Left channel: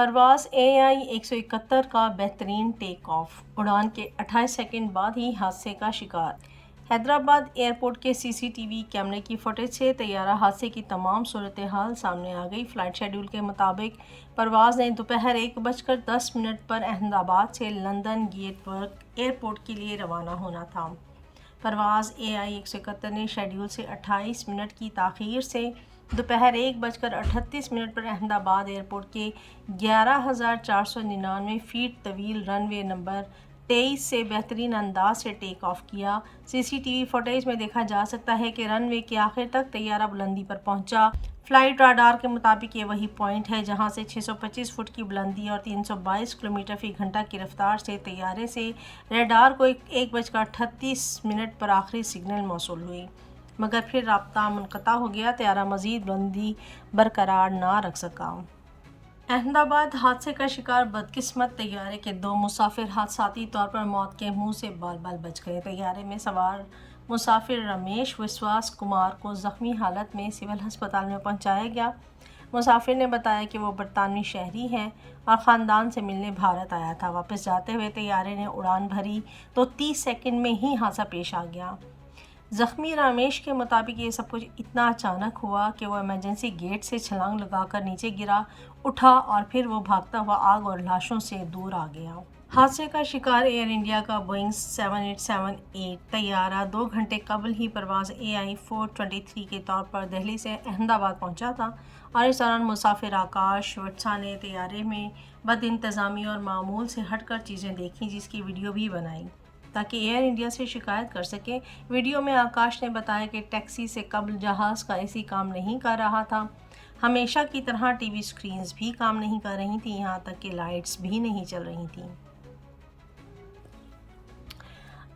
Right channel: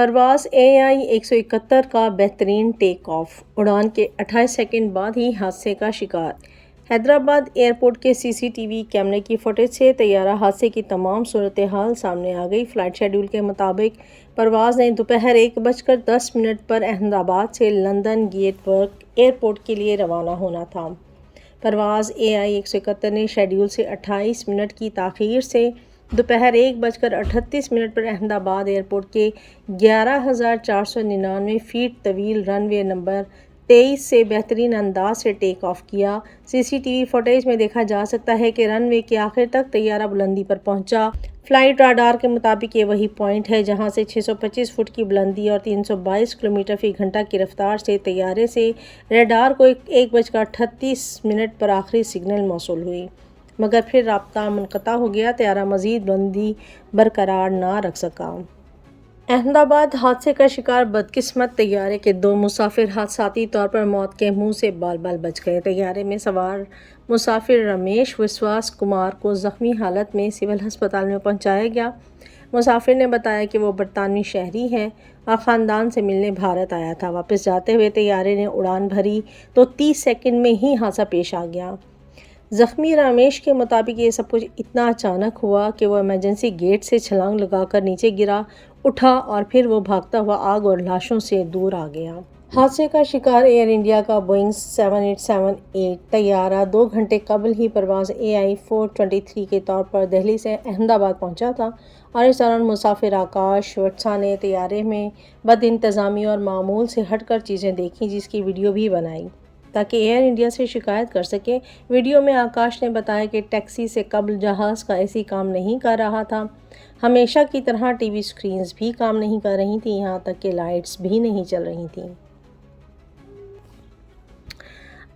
پرواز AI-171 کا بہترین ٹیک آف، اڑان کے 28 سیکنڈ بعد ہی حادثے کا شکار۔ حیدرآباد ایئرپورٹ کے CCTV کیمرے کی فوٹیج سے طیارہ حادثے کی تمام صورتحال سامنے آ گئی۔ فلائٹ شیڈول کے مطابق پرواز نے دوپہر 1:10 پر احمد آباد سے لندن گیٹ ورک ایئرپورٹ کے لیے روانہ ہونا تھا۔ پرواز AI-171 نے شیڈول سے 28 منٹ کی تاخیر سے دوپہر 1:38 پر احمد آباد ایئرپورٹ کے 11,499 فیٹ طویل رن وے نمبر 23 سے بہترین انداز سے ٹیک آف کیا۔ CCTV فوٹیج میں دیکھا جا سکتا ہے کہ رن وے کے آخر تک طیارہ بلندی پر پہنچا۔ فلائٹ راڈار کے مطابق یہ وہی پوائنٹ ہے جہاں سے 625 فٹ کی بلندی اور 322 کلومیٹر فی گھنٹہ کی رفتار سے طیارے سے ریڈار کو 1:38 پر آخری سگنل موصول ہوئی، مگر پھر رابطہ منقطع ہو گیا۔ طیارہ مزید بلندی برقرار نہ رکھ سکا۔ احمد آباد حادثے کا شکار بدقسمت طیارے کے 2 مسافر حادثاتی طور پر موت کے منہ سے بال بال بچ گئے۔ طیارے میں سوار مسافر رمیش وشواس کمار کو زخمی حالت میں سول ہسپتال میں پہنچایا گیا۔ مسافر نے بتایا کہ وہ برطانوی شہری ہیں اور خاندان سے ملنے بھارت آیا تھا۔ واپس جاتے ہوئے طیارے نے اڑان بھری تو 30 سیکنڈ میں ہی حادثہ پیش آ گیا۔ زخمی رمیش کے مطابق یہ سب کچھ اتنا اچانک ہوا کہ وہ ایمرجنسی گیٹ سے چھلانگ لگا کر نیچے گرا، اٹھا اور پھر وہ بھاگتا ہوا آگ اور لاشوں سے دور آ گیا۔ حادثے کا شکار ایئر انڈیا کا بوئنگ 7878 طیارہ 2 گھنٹے قبل ہی پرواز AI-423 کے طور پر دہلی سے احمد آباد پہنچا تھا اور اس دوران مسافر آکاش وٹسا نے طیارے میں بد انتظامی اور معمول سے ہٹ کر چیزیں دیکھیں، جس کی ویڈیو بھی بنائی تاکہ ایئر انڈیا سے شکایت کر سکے۔ ویڈیو میں آکاش نے بتایا کہ ٹیکسی سے قبل جہاز کا AC کام نہیں کر رہا تھا، ہمیشہ کی طرح TV اسکرینز بھی کام نہیں کر رہی تھیں، یہاں تک کہ لائٹس بھی نہیں چل رہی تھیں۔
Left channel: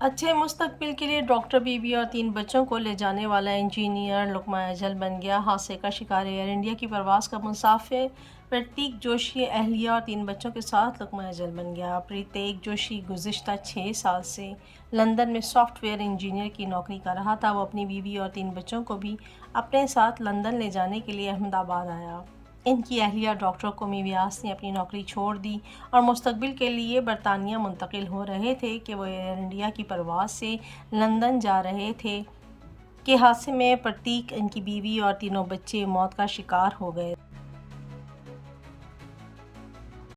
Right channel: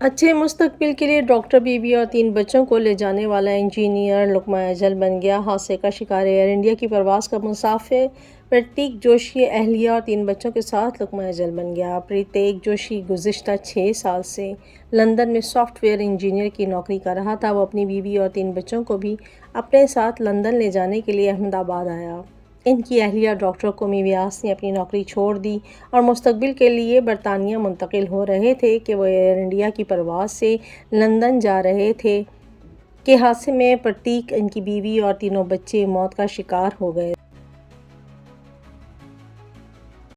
اچھے مستقبل کے لیے ڈاکٹر، بیوی اور 3 بچوں کو لے جانے والا انجینئر لقمہ اجل بن گیا۔ حادثے کا شکار ایئر انڈیا کی پرواز کا مسافر پرتیک جوشی اہلیہ اور 3 بچوں کے ساتھ لقمہ اجل بن گیا۔ پرتیک جوشی گزشتہ 6 سال سے لندن میں سافٹ ویئر انجینئر کی نوکری کر رہا تھا۔ وہ اپنی بیوی اور 3 بچوں کو بھی اپنے ساتھ لندن لے جانے کے لیے احمد آباد آیا۔ ان کی اہلیہ ڈاکٹر قمی ویاس نے اپنی نوکری چھوڑ دی اور مستقبل کے لیے برطانیہ منتقل ہو رہے تھے کہ وہ ایئر انڈیا کی پرواز سے لندن جا رہے تھے کہ حادثے میں پرتیک، ان کی بیوی اور تینوں بچے موت کا شکار ہو گئے۔